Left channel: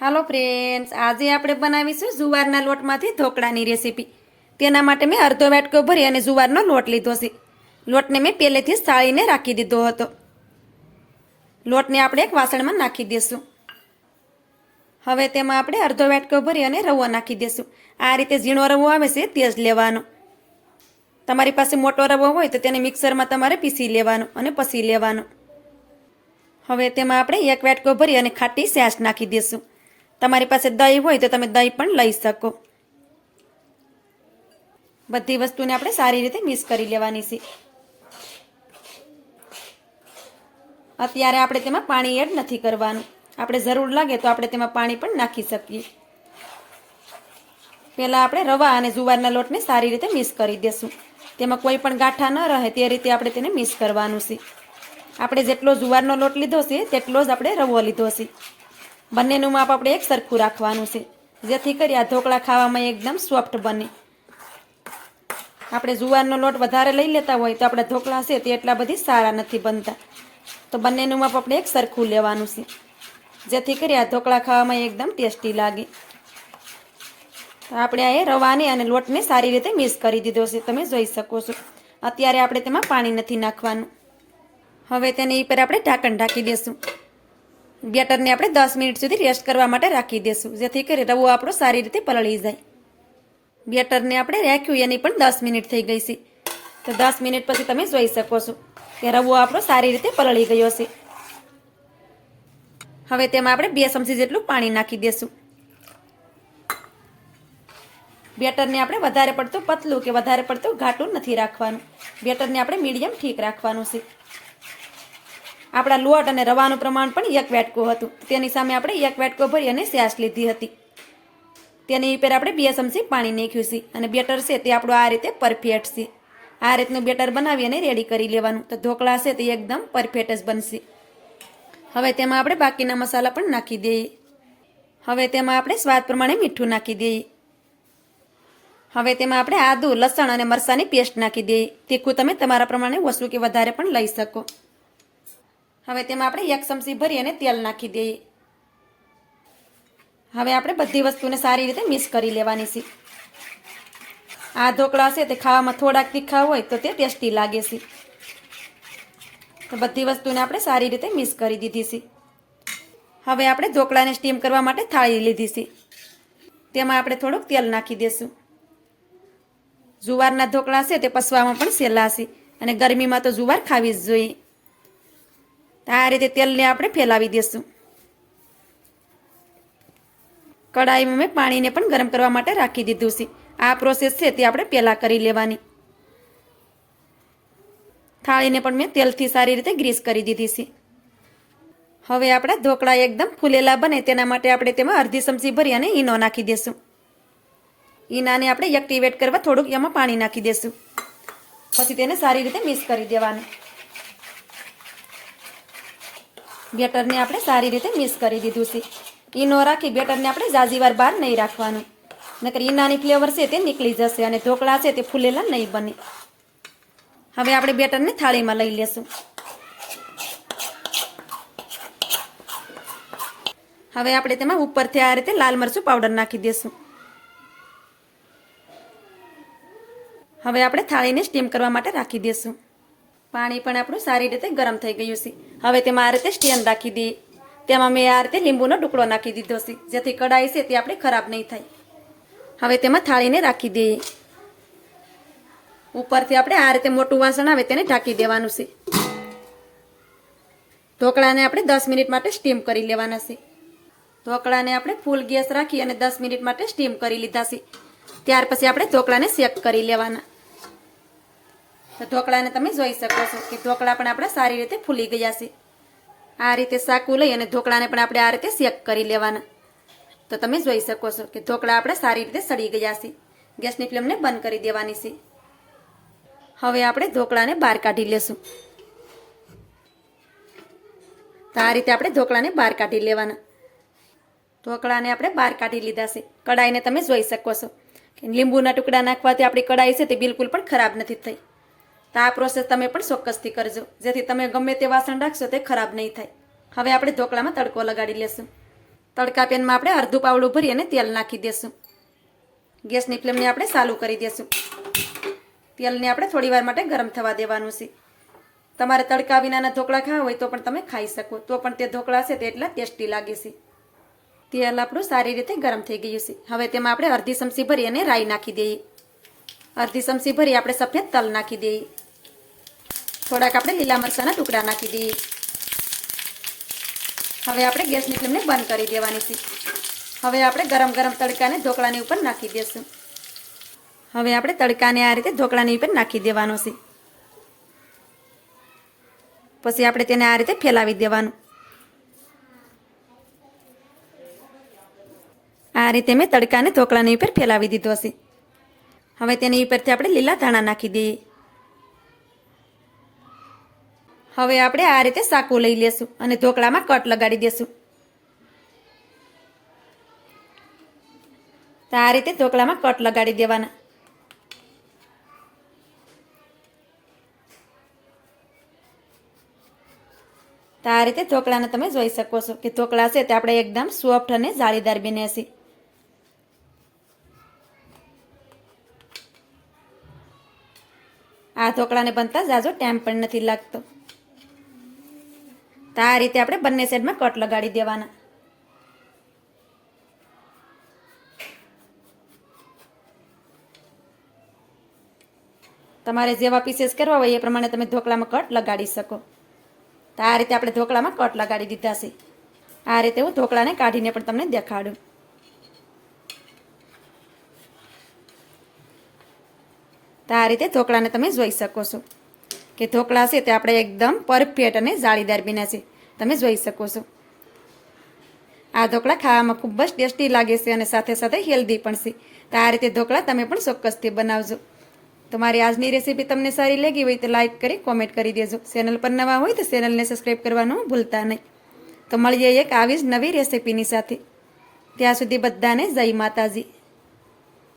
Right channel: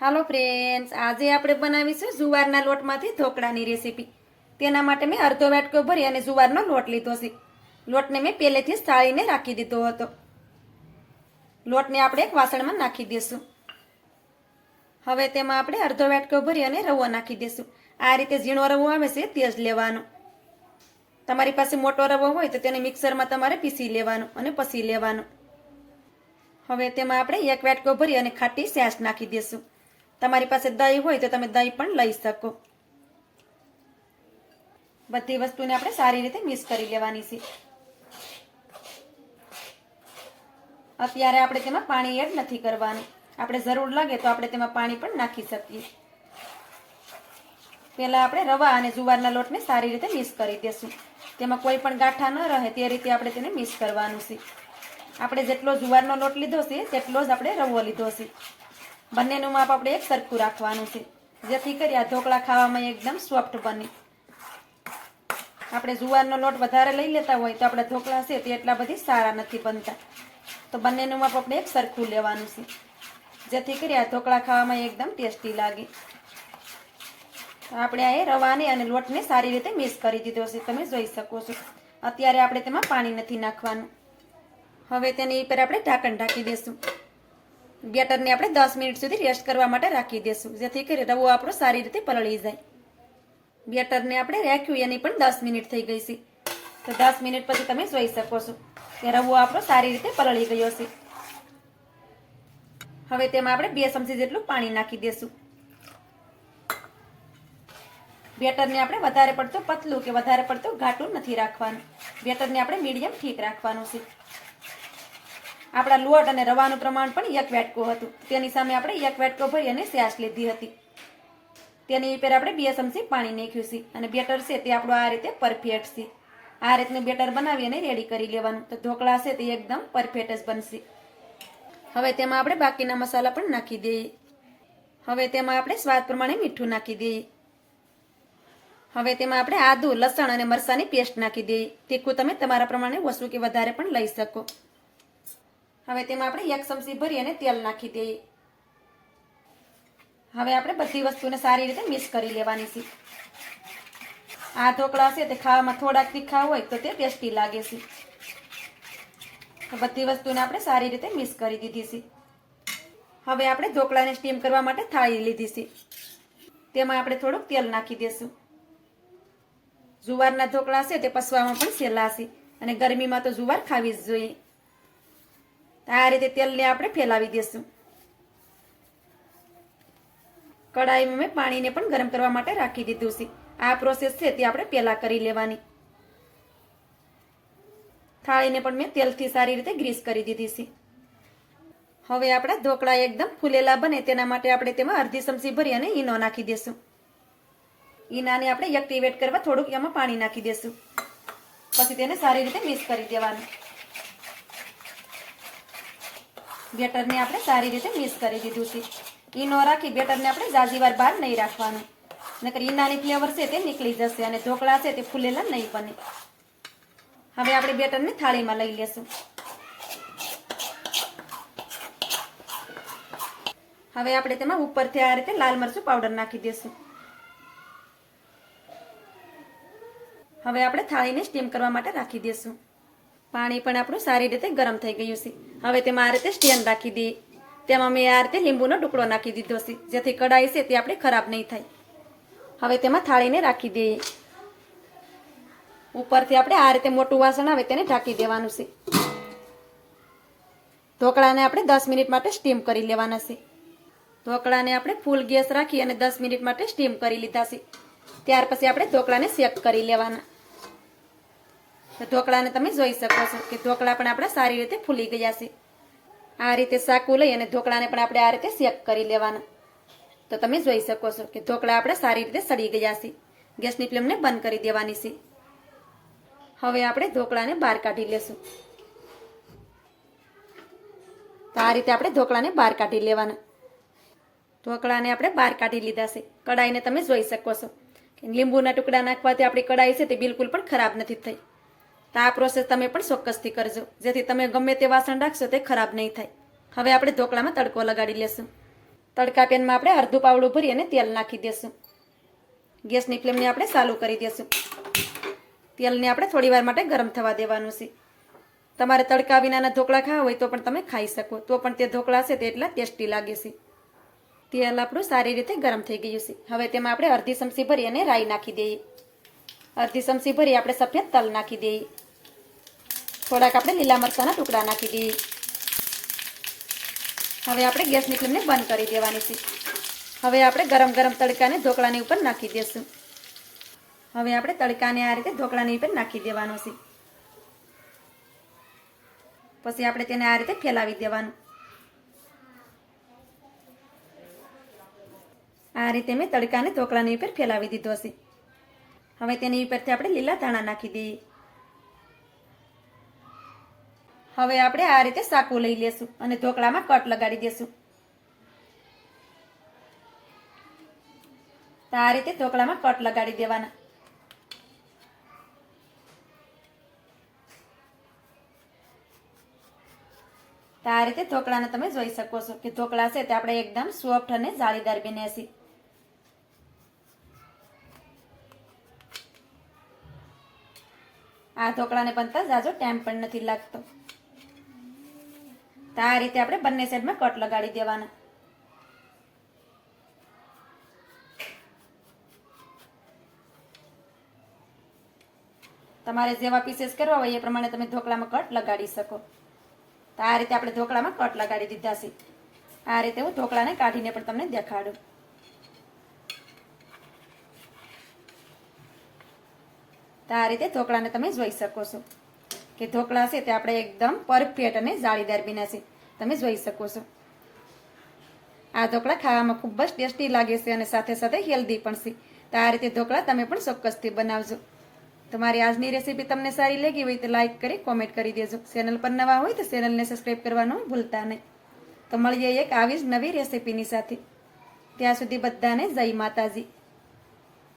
હાલો friends, આજે આપણે બનાવીશું જુવારના લોટમાંથી ઢોકળાની રેસીપી. તેના માટે મેં અડધો વાટકો ભરી અને જુવારનો લોટ લીધો છે. લોટને મેં પહેલેથી જ સાળીને રાખી દીધો હતો. લોટને આપણે એક વાસણમાં નાખી દઈશું. હવે તેમાં આપણે અડધો વાટકો ભરી અને રવો નાખી દઈશું. આ રીતે ઝીણો રવો આવે છે તે જ લેવાનો. તમારી પાસે મોટો રવો હોય તો તેને મિક્સરમાં તમારે પીસી લેવાનો અને પછી લેવાનો. હવે તેમાં આપણે એક વાટકો ભરી અને ખાટી છાશ નાખી દઈશું. તમારી પાસે દહીં હોય તો તમે દહીં પણ લઈ શકો. બધી વસ્તુને આપણે સારી રીતે મિક્સ કરી લેવાની છે. અત્યારે આપણે તેમાં પાણી એડ નથી કરવાનું. આપણે જરૂર લાગે તો આપણે તેમાં પાણી પણ નાખી શકીએ. પહેલાં આપણે રવા અને જુવારના લોટને સારી રીતે મિક્સ કરી દેશું. તેમાં કોઈ પણ ગાંઠા ન રહે તે રીતે આપણે તેને મિક્સ કરવાનું છે. આપણે જેટલો જુવારનો લોટ લીધો છે તેટલો જ આપણે રવો લીધો છે. બંનેનું માપ આપણે એક સરખું રાખવાનું છે, જેથી કરી આ ઢોકળા ખાવામાં એકદમ સોફ્ટ બને. આપણે જુવારનો લોટ વધારે લઈ લેતા હોય તો આપણા ઢોકળા છે તે એટલા બધી સારા નથી બનતા. તો બંનેનું માપ આપણે એક સરખું લેવાનું છે, જેથી કરી આ ઢોકળા ખાવામાં એકદમ ટેસ્ટી લાગે. આપણે આ રવાને અને લોટને સારી રીતે મિક્સ કરી દીધો છે, તમે જોઈ શકો છો. અત્યારે આપણે તેમાં પાણી નથી નાખવાનું. હવે તેની ઉપર આપણે ઢાંકણ ઢાંકી દઈશું. બેટરને આપણે 10 મિનિટ સુધી રેસ્ટ કરવા માટે રાખી દઈશું, જેથી કરી રવો આપણો સારી રીતે પલળી જાય. બેટરને આપણે રાખ્યું એની પણ 10 મિનિટ થઈ ગઈ છે. તો 10 મિનિટ પછી તમે જોઈ શકો છો કે રવો આપણો સારી રીતે પલળી ગયો છે. હવે તેમાં આપણે 2 ચમચી જેટલું પાણી નાખી દઈશું. બેટરને આપણે વધારે પડતું પતલું કે વધારે પડતું ઘાટું નથી રાખવાનું. બેટરને આપણે મીડિયમ ઠીક રાખવાનું છે. આપણા લોટ અને રવાનું પ્રમાણ પણ એક વાટકો હતું. તેની સામે આપણે એક વાટકો ભરી અને છાશ લીધી હતી. તેની ઉપર આપણે 2 ચમચી પાણી નાખ્યું છે અને બેટર છે તે આપણું આ રીતે પરફેક્ટ છે. આ રીતનું બેટર બનાવી અને રેડી કરી લેવાનું. તો ઢોકળા છે તે એકદમ પરફેક્ટ જ બનશે. હવે તેમાં આપણે બાકીના મસાલા પણ નાખી દઈએ. હવે તેમાં આપણે સ્વાદ પ્રમાણે મીઠું નાખી દઈએ. હવે તેમાં આપણે આદુ, લસણ અને મરચાંની પેસ્ટ નાખી દઈએ. તીખું તમે તમારા પ્રમાણે ઓછું કે વધારે પણ લઈ શકો. હવે તેમાં આપણે 1 ચમચી ભરી અને તેલ નાખી દઈએ. હવે આપણે બધી વસ્તુને સારી રીતે મિક્સ કરી લેવાની છે. આ ઢોકળા છે તે ખાવામાં થોડાક તીખા હોય તો તે ટેસ્ટી લાગે છે. તો બધી વસ્તુને આપણે સારી રીતે મિક્સ કરી દીધી છે. હવે આપણે ઢોકળાને સ્ટીમ કરવા માટે થાળી લીધી છે. તેમાં આપણે થોડુંક તેલ નાખી દઈશું. જુવારના ઢોકળા છે તે પચવામાં પણ સહેલા છે અને ગરમીમાં તો જુવાર ખાવી જ જોઈએ. આ રીતે તેલને આપણે ફેલાવી દઈશું. કડાઈમાં મેં પાણીને પણ ગરમ કરવા માટે રાખી દીધું છે. આ પ્રોસેસ છે તે આપણે પહેલાં કરી લેવાની. થાળીને પણ મેં તેલથી સારી રીતે ગ્રીસ કરી દીધી છે. હવે આપણા ઢોકળા એકદમ ફૂલેલા બને તેના માટે આપણે તેમાં અડધી ચમચી ભરી અને ઈનો નાખી દઈશું. ઈનાને આપણે એક્ટિવેટ કરવા થોડુંક એમાં પાણી નાખી દઈશું. પછી તેને સારી રીતે મિક્સ કરી દેવાનું. બેટરને આપણે સારી રીતે મિક્સ કરી દીધું છે. ઈનો રાખી બેટરને આપણે ઝાઝી વાર બહાર નહીં રાખવાનું, નકર ઈનાની ફ્લેવર છે તે નીકળી જશે અને ઢોકળા છે તે ફૂલેલા નહીં બને. હવે આપણે બેટરને થાળીમાં લઈ લેશું. હવે આપણે તેમાં ઉપરથી આ રીતે લાલ મરચું પાવડર નાખી દઈશું. હવે આપણે થાળીને સ્ટીમ કરવા માટે રાખી દઈશું. પાણી પણ આપણું સારી રીતે ગરમ થઈ ગયું છે. હવે તેમાં આ રીતે સ્ટેન્ડ રાખી દઈએ. તેમાં મેં આ રીતે લીંબુનો ટુકડો નાખી દીધો છે, જેથી કઢાઈ છે તે આપણે ખરાબ નહીં થાય. હવે તેમાં થાળીને રાખી દઈએ. ઉપરથી આપણે આ રીતે મોટું વાસણ આવે તેને ઢાંકી દેવાનું છે. ઢોકળાને આપણે 10 મિનિટ માટે સ્ટીમ કરી લેવાના છે. ઢોકળાને આપણે ફૂલ ગેસ રાખી અને 10 મિનિટ માટે સ્ટીમ કરી લીધા છે. ત્યાર પછી આપણે ઢોકળાને શેક કરી લેવાના. તો ઢોકળાને તમે જોઈ શકો છો કે ઢોકળા પણ આપણા સારી રીતે ફૂલી ગયા છે. આ રીતે સાકું લઈ અને ઢોકળાને પણ આપણે આ રીતે શેક કરી લેવાના. તો તમે જોઈ શકો છો કે ઢોકળા આપણે સારી રીતે સડી ગયા છે. ગેસની ફ્લેમને બંધ કરી દેવાની છે. હવે આપણે ઢોકળાને બહાર કાઢી લેશું. તો આ રીતે આપણે ઢોકળાને બહાર કાઢી લેવાના. ઢોકળાને આપણે બહાર કાઢી લીધા છે. કઢાઈને તમે જોઈ શકો છો કે લીંબુના ટુકડા નાખવાથી આપણી કઢાઈ છે તે બિલકુલ પણ ખરાબ નથી થઈ. તો આ પ્રોસેસ તમે પણ ચોક્કસથી કરજો, જેથી તમે ગમે તે વાસણ રાખશો તે ખરાબ નહીં થાય. હવે આપણે ઢોકળામાં તડકો લગાડી લેશું. તડકા પેનમાં આપણે અડધું પાવડું ભરી અને તેલ નાખી દેશું. ગેસની ફ્લેમને આપણે ચાલુ કરી દેશું. તેલને આપણે થોડી વાર માટે ગરમ થવા દેવાનું છે. તમારે તડકા વિનાના ઢોકળા ખાવા હોય તો પણ તમે ખાઈ શકો, તો પણ તે ઢોકળા છે તે એટલા ટેસ્ટી લાગે છે. તેલ આપણું સારી રીતે ગરમ થઈ ગયું છે. હવે તેમાં આપણે અડધી ચમચી ભરી અને રાઈ નાખી દઈએ. અડધી ચમચી ભરી આપણે સફેદ તલ નાખી દઈએ. થોડાક આપણે લીલા મરચાંના ટુકડા નાખી દઈએ. હવે આપણે ગેસની ફ્લેમને બંધ કરી દેવાની છે. હવે આપણે ગરમ ગરમ તડકાને ઢોકળાની ઉપર નાખી દઈશું. હવે આપણે તડકાને આ રીતે ઢોકળાની ઉપર નાખી દેવાનો છે. પછી આપણે તેને આ રીતે ફેલાવી દેવાનું. આ રીતે મેં તડકાને ઢોકળાની ઉપર ફેલાવી દીધો હશે. હવે તેની ઉપરથી આપણે લીલા ધાણા નાખી દઈએ. હવે આપણે આ રીતે સાકું લઈ લેશું અને ઢોકળામાં કટ લગાડી દેશું. તો આ રીતે ઢોકળામાં કટ લગાડી દેવાના. તો આ રીતે ઢોકળાને તમે જોઈ શકો છો કે ઢોકળા છે તે આપણે એકદમ સોફ્ટ અને જાળીદાર બને છે. આ ઢોકળાને બનતા ઝાઝો ટાઈમ પણ નથી લાગતો. તો આ રીતે આપણે બંને સાઈડમાં કટ લગાડી દેવાના. તમારે જેવા પીસીસ કરવા હોય એ પ્રમાણે તમે ઢોકળામાં કટ લગાડી શકો. તો આ રીતે આપણે ઢોકળામાં કટ લગાડી દીધા છે. આ રીતે હું ઢોકળાને કાઢીને પણ તમને દેખાડું. તો આ રીતે ઢોકળાને તમે જોઈ શકો છો કે ઢોકળા છે તે આપણે એકદમ પરફેક્ટ અને જાળીદાર બન્યા છે. તમે જોઈ શકો છો. આ ઢોકળા ખાવામાં ખૂબ જ ટેસ્ટી લાગે છે અને સાથે સાથે હેલ્ધી પણ છે. તો આ રીતે ઢોકળા તમે પણ ચોક્કસથી બનાવજો. તો મારી આજની રેસીપી તમને સારી લાગી હોય તો લાઈક કરી કોમેન્ટ કરી દેજો. ચેનલ પર નવા હોય તો ચેનલને સબસ્ક્રાઈબ કરવાનું ભૂલતા નહીં. તો મળીએ એક આવી જ નવી રેસીપીની સાથે. ત્યાં સુધી બધાને જય માતાજી.